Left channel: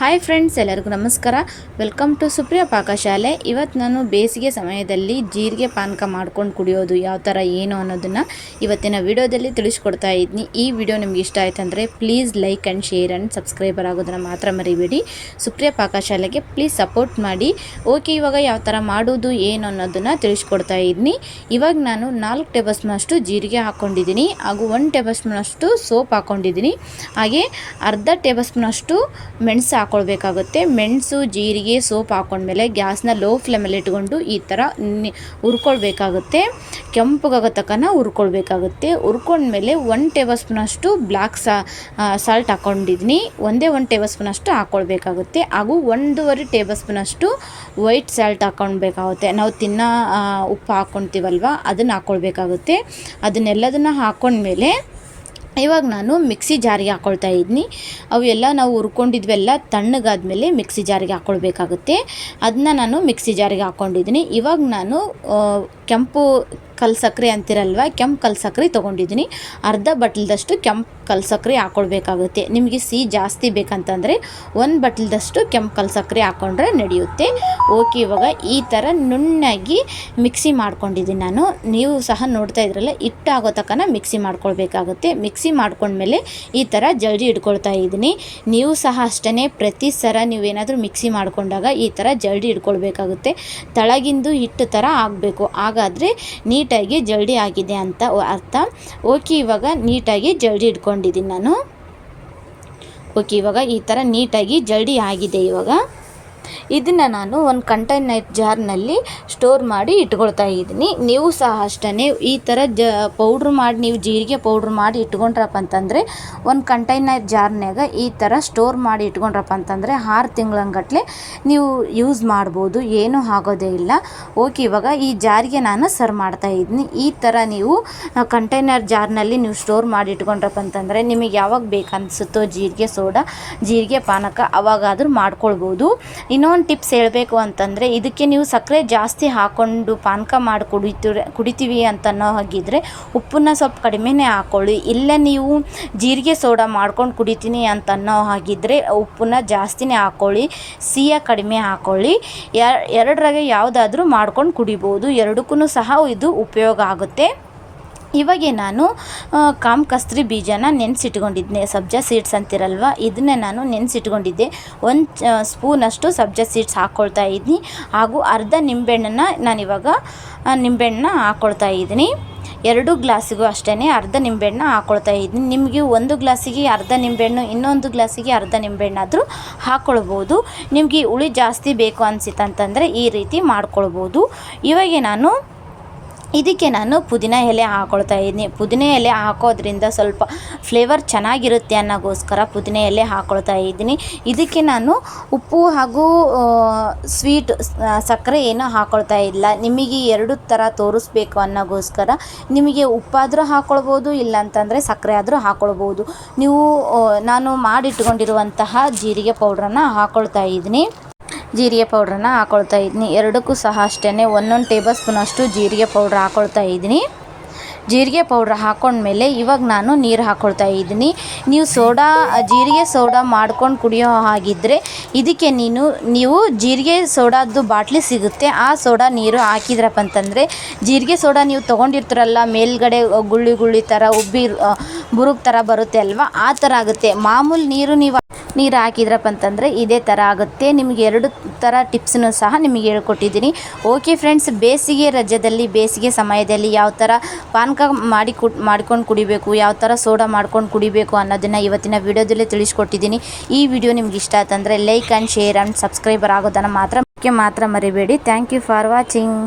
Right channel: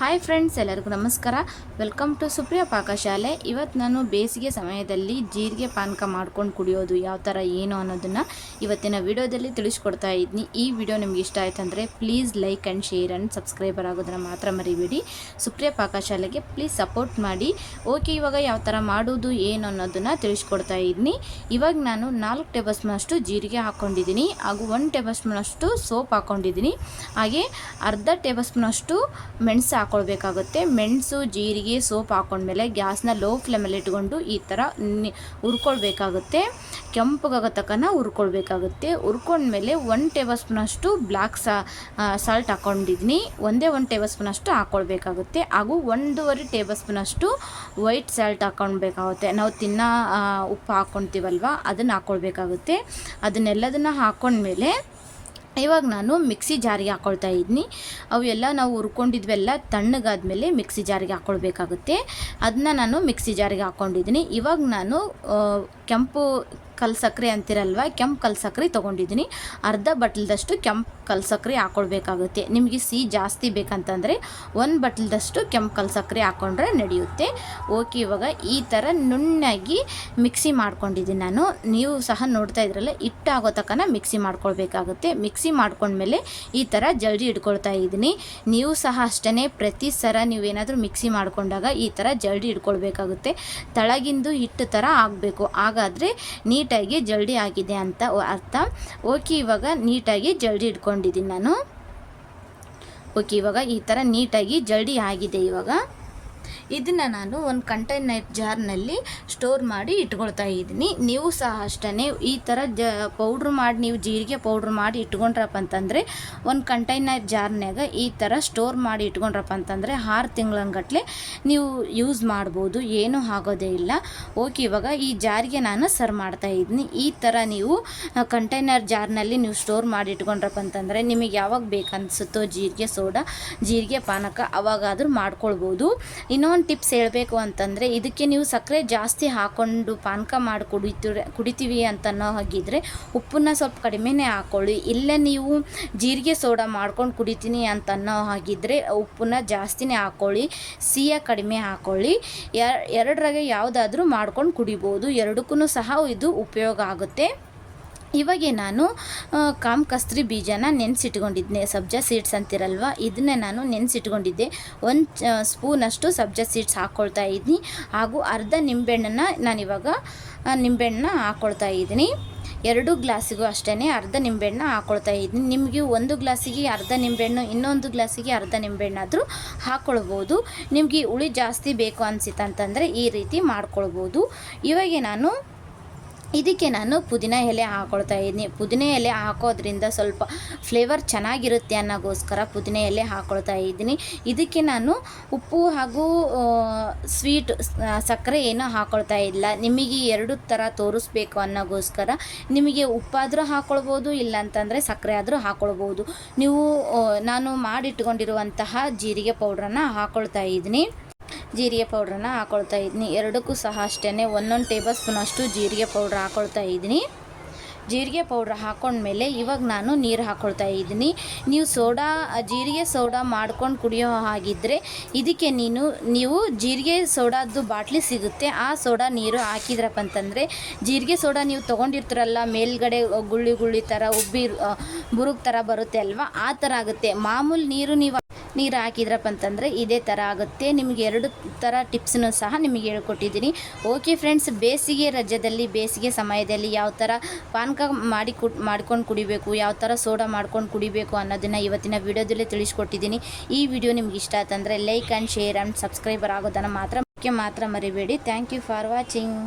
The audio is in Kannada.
ಹಾಯ್ ಫ್ರೆಂಡ್ಸ್ ಎಲ್ಲರಿಗೂ ನಮಸ್ಕಾರ. ವೆಲ್ಕಮ್ ಟು ಸುಪ್ರಿಯ ಪಾಕಶಾಲೆ ಇವತ್ತು ನಾನು ಬೇಸಿಗೆ ಸಮಯದಲ್ಲಿ ಜೀರಿಗೆ ಪಾನಕ ಮಾಡ್ಕೊಂಡು ಕುಡಿಯೋದು ಯಾವ ಥರ ಏನು ಅನ್ನೋದನ್ನು ಇವತ್ತಿನ ವಿಡಿಯೋದಲ್ಲಿ ತಿಳಿಸ್ಕೊಡ್ತಾ ಇದ್ದೀನಿ ಈ ವಿಡಿಯೋ ನಿಮ್ಗೆ ಇಷ್ಟ ಆಯ್ತಂದರೆ please like and share and subscriber ಆಗೋದನ್ನು ಮಾತ್ರ ಮರಿಬೇಡಿ. ಸುಪ್ರಿಯ ಪಾಕಶಾಲೆಗೆ ಪ್ಲೀಸ್ ಸಪೋರ್ಟ್ ಮಾಡಿ. ಓಕೆ ಇವಾಗ ಯಾವ ಥರ ಮಾಡೋದು, ಏನು ಅನ್ನೋದನ್ನು ತಿಳಿಸ್ಕೊಡ್ತಾ ಇದ್ದೀನಿ ಇವಾಗ ನಾನು ನಾಲ್ಕು ಟೇಬಲ್ ಸ್ಪೂನಷ್ಟು ಜೀರಿಗೆ ಹಾಕ್ಕೊಂಡಿದ್ದೀನಿ. ಹಾಗೂ ಒಂದು ಟೇಬಲ್ ಸ್ಪೂನಷ್ಟು ಸೋಪ್ ಹಾಕ್ಕೊಂಡಿದ್ದೀನಿ. ಹಾಗೆ ಅರ್ಧ ಟೇಬಲ್ ಸ್ಪೂನಷ್ಟು ಮೆಣಸು ಹಾಕ್ಕೊಳ್ಬೇಕಾಗುತ್ತೆ ಮೆಣಸು, ಜೀರಿಗೆ, ಸೋಪ್ ಹಾಕೊಂಡ್ಮೇಲೆ ಗ್ಯಾಸ್ನ ಲೋ ಫ್ಲೇಮಲ್ಲಿ ಇಟ್ಕೊಂಡು ಈ ಥರ ಹುರ್ಕೊಳ್ಬೇಕಾಗುತ್ತೆ. ಕೆಂಪಗಾಗೋ ತಕ್ಕನ ಹುರ್ಕೊಳ್ಬೇಕಾಗುತ್ತೆ. ಹುರ್ಕೊಂಡ್ಮೇಲೆ ಒನ್ ಟೇಬಲ್ ಸ್ಪೂನಷ್ಟು ಬ್ಲ್ಯಾಕ್ ಸಾ ಸಾಲ್ಟ್ ಹಾಕ್ಕೊಂಡಿದ್ದೀನಿ ಒಂದೇ ಒಂದು ಟೇಬಲ್ ಸ್ಪೂನಷ್ಟು ಹಾಕ್ಕೊಳ್ಬೇಕಾಗುತ್ತೆ ಹಾಗೂ ಒಂದೂವರೆ ಟೇಬಲ್ ಸ್ಪೂನಷ್ಟು ವೈಟ್ ಸಾಲ್ಟ್ ಹಾಕ್ಕೊಳ್ಬೇಕಾಗುತ್ತೆ ನಾವು ತಿನ್ನೋ ಉಪ್ಪು ಹಾಕ್ಕೊತೀವಲ್ವ ಅದನ್ನು ಹಾಕ್ಕೊಳ್ಬೇಕಾಗುತ್ತೆ ಅದನ್ನೆಲ್ಲದನ್ನು ಹಾಕ್ಕೊಂಡ್ಮೇಲೆ ಇವಾಗ ನಾನು ಮಿಕ್ಸಿ ಜಾರಿಗೆ ಹಾಕ್ಕೊಳ್ತಾ ಇದ್ದೀನಿ ಅವೆಲ್ಲ ನಾವು ಹುರ್ಕೊಂಡಿದ್ವೆಲ್ಲ ತಣ್ಣಗಾದ್ಮೇಲೆ ಮಿಕ್ಸಿ ಜಾರಿಗೆ ಹಾಕ್ಕೊಳ್ಬೇಕಾಗುತ್ತೆ ಅದನ್ನ ನಾನು ಮಿಕ್ಸಿ ಜಾರಿಗೆ ಹಾಕ್ಕೊಂಡಿದ್ದೀನಿ ಇವಾಗ ನಾನು ಕೆಂಪು ಕಲ್ ಸಕ್ಕರೆ ಅಂತಿರಲ್ವ? ಕೆಂಪು ಕಲ್ ಸಕ್ಕರೆ ತೊಗೊಂಡಿದ್ದೀನಿ. ಅರ್ಧ ಬಟ್ಲದಷ್ಟು ಕೆಂಪು ಕಲ್ ಸಕ್ಕರೆ ಹಾಕ್ಕೊಳ್ಬೇಕಾಗುತ್ತೆ ನಿಮಗೆ ಸಿಹಿ ಜಾಸ್ತಿ ಬೇಕಂತಂದರೆ ಒಂದು ಬಟ್ಲದಷ್ಟು ಕೆಂಪು ಕಲ್ ಸಕ್ಕರೆ ಹಾಕ್ಕೊಂಡ್ರೆ ನಡೆಯುತ್ತೆ. ಓಕೆ, ಇವಾಗ ಈ ಥರ ನುಣ್ಣಾಗಿ ಮಿಕ್ಸಿ ಮಾಡ್ಕೊಂಡಿದ್ದೀನಿ ನಾನು. ನೀವು ಸಹ ನೋಡ್ತಾ ಇದ್ರಲ್ಲ, ಹಿಟ್ಟಾಗೋ ತಕನ ಮಿಕ್ಸಿ ಮಾಡ್ಕೊಳ್ಬೇಕಾಗುತ್ತೆ. ಮಿಕ್ಸಿ ಮಾಡ್ಕೊಂಡ್ಮೇಲೆ ಈ ಥರ ಜಲ್ದಿ ಇಟ್ಕೊಳ್ತಾ ಇದ್ದೀನಿ. ನೀವು ಸಹ ಅಷ್ಟೇ ಪ್ರತಿ ಸರ ನೀವೇನಾದರೂ ಮಿಕ್ಸಿ ಮಾಡ್ಕೊಂಡಾಗ ಈ ಥರ ಜಲ್ದಿ ಇಟ್ಕೊಳ್ಬೇಕಾಗುತ್ತೆ. ತಳಗಿಂದು ಹಿಟ್ಟು ಥರ ಆಗಬೇಕು. ಹಾಗಾದರೆ ನೀಟಾಗಿ ಜಲ್ಡಿ ಆಗಿದೆ ಅಂತ ಅರ್ಥ. ಓಕೆ, ಇವಾಗ ನೀಟಾಗಿ ಜಲ್ಡಿ ಇಟ್ಕೊಂಡಿದ್ದೀನಿ ನಾನು. ಓಕೆ, ಇವಾಗ ಈ ಥರ ನೀಟಾಗಿ ಜಲ್ಡಿ ಆಗಿದೆ ಇವಾಗ. ಇದನ್ನು ನಾನು ಒಂದು ಕಂಟೈನರ್ ಜಾರ್ನಲ್ಲಿ ಸ್ಟೋರ್ ಮಾಡಿ ಇಟ್ಕೊಳ್ತಾ ಇದ್ದೀನಿ. ನೀವು ಸಹ ಅಷ್ಟೇ ಈ ಥರ ಜ ಪೌಡ್ರ್ ಮಾಡಿ ನೀವು ಜೀರಿಗೆ ಪೌಡ್ರ್ ಮಾಡಿ ಇಟ್ಕೊಂಡ್ರಪ್ಪ ಅಂತಂದರೆ, ಒಂದು ಕಂಟೈನರ್ ಜಾರ್ನಾಗ ಈ ಥರ ಸ್ಟೋರ್ ಮಾಡಿ ಇಟ್ಕೊಂಡ್ರಪ್ಪ ಅಂತಂದರೆ ಆರು ತಿಂಗಳಂಗಟ್ಲೆ ನೀವು ಯೂಸ್ ಮಾಡ್ಬೋದು, ಏನೂ ಆಗೋದೇ ಇಲ್ಲ. ಓಕೆ ಇವಾಗ ಈ ಜಾರಿಗೆ ನಾನು ಸರ್ವ್ ಮಾಡ್ತಾ ಇದ್ದೀನಿ. ಈ ಥರ ನೀವು ಕಂಟೈನರ್ ಜಾರ್ನಲ್ಲಿ ನೀವು ಸ್ಟೋರ್ ಮಾಡಿ ಇಟ್ಕೊಂಡ್ರಪ್ಪ ಅಂತಂದರೆ ನಿಮಗೆ ಯಾವಾಗ ಬೇಕನ್ನಿಸುತ್ತೋ ಜೀರಿಗೆ, ಸೋಡಾ, ಜೀರಿಗೆ, ಪಾನಕ ಅವಾಗಾದರೂ ಮಾಡ್ಕೊಳ್ಬೋದು. ಇನ್ನೊಂದು ಟಿಪ್ಸ್ ಹೇಳಬೇಕು ಅಂತಂದರೆ, ಇದಕ್ಕೆ ನೀವು ಸಕ್ಕರೆ ಜಾಸ್ತಿ ಹಾಕ್ಕೊಂಡು ಪಾನಕ ಮಾಡಿ ಕುಡಿತೀರ, ಕುಡಿತೀವಿ ಅಂತ ಅನ್ನೋ ಹಾಗಿದ್ರೆ ಉಪ್ಪನ್ನ ಸ್ವಲ್ಪ ಕಡಿಮೆನೇ ಹಾಕ್ಕೊಳ್ಳಿ ಇಲ್ಲ ನೀವು ಜೀರಿಗೆ ಸೋಡಾ ಮಾಡ್ಕೊಂಡು ಕುಡಿತೀನಿ ಅಂತ ಅನ್ನೋ ಹಾಗಿದ್ರೆ ಉಪ್ಪನ್ನ ಜಾಸ್ತಿನೇ ಹಾಕ್ಕೊಳ್ಳಿ ಸಿಹಿಯ ಕಡಿಮೆ ಹಾಕ್ಕೊಳ್ಳಿ ಎರ್ ಎರಡರಾಗೆ ಯಾವುದಾದ್ರೂ ಮಾಡ್ಕೊಂಡು ಕುಡಿಬೋದು. ಎರಡಕ್ಕೂ ಸಹ ಇದು ಉಪಯೋಗ ಆಗುತ್ತೆ. ಇವಾಗೆ ನಾನು ಕಾಮ್ ಕಸ್ತ್ರಿ ಬೀಜನ ನೆನೆಸಿಟ್ಕೊಂಡಿದ್ದೆ. ಸಬ್ಜಾ ಸೀಡ್ಸ್ ಅಂತಿರಲ್ವ? ಇದನ್ನೇ ನಾನು ನೆನೆಸಿಟ್ಕೊಂಡಿದ್ದೆ. ಒಂದು ಸ್ಪೂನಷ್ಟು ಸಬ್ಜಾ ಸೀಡ್ಸ್ ಹಾಕ್ಕೊಳ್ತಾ ಇದ್ದೀನಿ ಹಾಗೂ ಅರ್ಧ ನಿಂಬೆಹಣ್ಣನ್ನು ನಾನಿವಾಗ ನಿಂಬೆಹಣ್ಣನ್ನ ಹಾಕ್ಕೊಳ್ತಾ ಇದ್ದೀನಿ ಎರಡು ಗ್ಲಾಸಿಗೂ ಅಷ್ಟೇ ಅರ್ಧ ನಿಂಬೆಹಣ್ಣ ಹಾಕ್ಕೊಳ್ತಾ ಇದ್ದೀನಿ ನಿಮಗೆ ಒಂದು ಗ್ಲಾಸಿಗೆ ಅರ್ಧ ನಿಂಬೆಹಣ್ಣು, ಇನ್ನೊಂದು ಗ್ಲಾಸಿಗೆ ಅರ್ಧ ನಿಂಬೆಹಣ್ಣಾದರೂ ಹಾಕ್ಕೊಳ್ಬೋದು ನಿಮಗೆ ಹುಳಿ ಜಾಸ್ತಿ ಬೇಕು ಅನಿಸಿತ್ತಂತಂದರೆ ಈ ರೀತಿ ಮಾಡ್ಕೊಳ್ಬೋದು. ಇವಾಗೆ ನಾನು ಇದಕ್ಕೆ ನಾನು ಪುದೀನ ಎಲೆ ಹಾಕೊಳ್ತಾ ಇದ್ದೀನಿ. ಪುದೀನ ಎಲೆ ಹಾಕೋದ್ರಿಂದ ಸ್ವಲ್ಪ ಫ್ಲೇವರ್ ಚೆನ್ನಾಗಿರುತ್ತೆ ಅನ್ನೋಗೋಸ್ಕರ ಪುದೀನ ಎಲೆ ಹಾಕೊಳ್ತಾ ಇದ್ದೀನಿ. ಇದಕ್ಕೆ ನಾನು ಉಪ್ಪು ಹಾಗೂ ಸ್ವೀಟ್ ಸಕ್ಕರೆ ಏನೂ ಹಾಕೊಳ್ತಾ ಇಲ್ಲ. ನಿಮಗೆ ಎರಡು ಥರ ತೋರಿಸ್ಬೇಕು ಅನ್ನೋಗೋಸ್ಕರ ನಿಮಗೆ ಉಪ್ಪಾದರೂ ಹಾಕ್ಕೊಳ್ಬೋದು ಇಲ್ಲ ಅಂತಂದರೆ ಸಕ್ಕರೆ ಆದರೂ ಹಾಕ್ಕೊಳ್ಬೋದು ನೀವು ನಾನು ಮಾಡಿಟ್ಕೊಂಡಿರುವಂತಹ ಜೀರಿಗೆ ಪೌಡ್ರನ್ನು ಹಾಕ್ಕೊಳ್ತಾ ಇದ್ದೀನಿ. ಜೀರಿಗೆ ಪೌಡ್ರನ್ನ ಹಾಕ್ಕೊಳ್ತಾ ಇದ್ದೀನಿ ಎರಡಕ್ಕೂ ಸಹ ಅಷ್ಟೇ ಒಂದೊಂದು ಟೇಬಲ್ ಸ್ಪೂನಷ್ಟು ಜೀರಿಗೆ ಪೌಡ್ರ್ ಹಾಕ್ಕೊಳ್ತಾ ಇದ್ದೀನಿ ಜೀರಿಗೆ ಪೌಡ್ರ್ ಹಾಕೊಂಡ್ಮೇಲೆ ಇವಾಗ ನಾನು ನೀರು ಹಾಕ್ಕೊಳ್ತಾ ಇದ್ದೀನಿ ನೀವು ಸೋಡಾ, ಜೀರಿಗೆ ಸೋಡಾ ಮಾಡ್ಕೊಂಡು ಕುಡಿಯೋ ಹಾಗಿದ್ದರೆ ಇದಕ್ಕೆ ನೀನು, ನೀವು ಜೀರಿಗೆ ಸೋಡಾದ್ದು ಬಾಟ್ಲಿ ಸಿಗುತ್ತೆ, ಆ ಸೋಡಾ ನೀರು ಹಾಕಿದ್ರಪ್ಪ ಅಂತಂದರೆ ಜೀರಿಗೆ ಸೋಡಾ ನೀವು ತೊಗೊಂಡಿರ್ತೀರಲ್ಲ, ಮೇಲ್ಗಡೆ ಗುಳ್ಳಿ ಗುಳ್ಳಿ ಥರ ಉಬ್ಬಿ ಬುರುಗ್ ಥರ ಬರುತ್ತೆ ಅಲ್ವಾ? ಆ ಥರ ಆಗುತ್ತೆ. ಮಾಮೂಲಿ ನೀರು ನೀವು ನೀರು ಹಾಕಿದ್ರಪ್ಪ ಅಂತಂದರೆ ಇದೇ ಥರ ಆಗುತ್ತೆ. ನಿಮಗೆ ಎರಡು ಥರ ಟಿಪ್ಸನ್ನು ಸಹ ನಿಮಗೆ ಹೇಳ್ಕೊಟ್ಟಿದ್ದೀನಿ. ಓಕೆ ಫ್ರೆಂಡ್ಸ್, ಬೇಸಿಗೆ ರಜದಲ್ಲಿ, ಬೇಸಿಗೆ ಸಮಯದಲ್ಲಿ ಯಾವ ಥರ ಪಾನಕ ಮಾಡಿ ಕು ಮಾಡ್ಕೊಂಡು ಕುಡಿಬೇಕು, ಯಾವ ಥರ ಸೋಡಾ ಮಾಡ್ಕೊಂಡು ಕುಡಿಬೇಕು ಅನ್ನೋದನ್ನು ಇವತ್ತಿನ ವಿಡಿಯೋದಲ್ಲೇ ತಿಳಿಸ್ಕೊಟ್ಟಿದ್ದೀನಿ. ಈ ವಿಡಿಯೋ ನಿಮ್ಗೆ ಇಷ್ಟ ಆಯ್ತಂದರೆ like and share and subscriber ಆಗೋದನ್ನು ಮಾತ್ರ ಮಾತ್ರ ಮರಿಬೇಡಿ. Thank you for watching.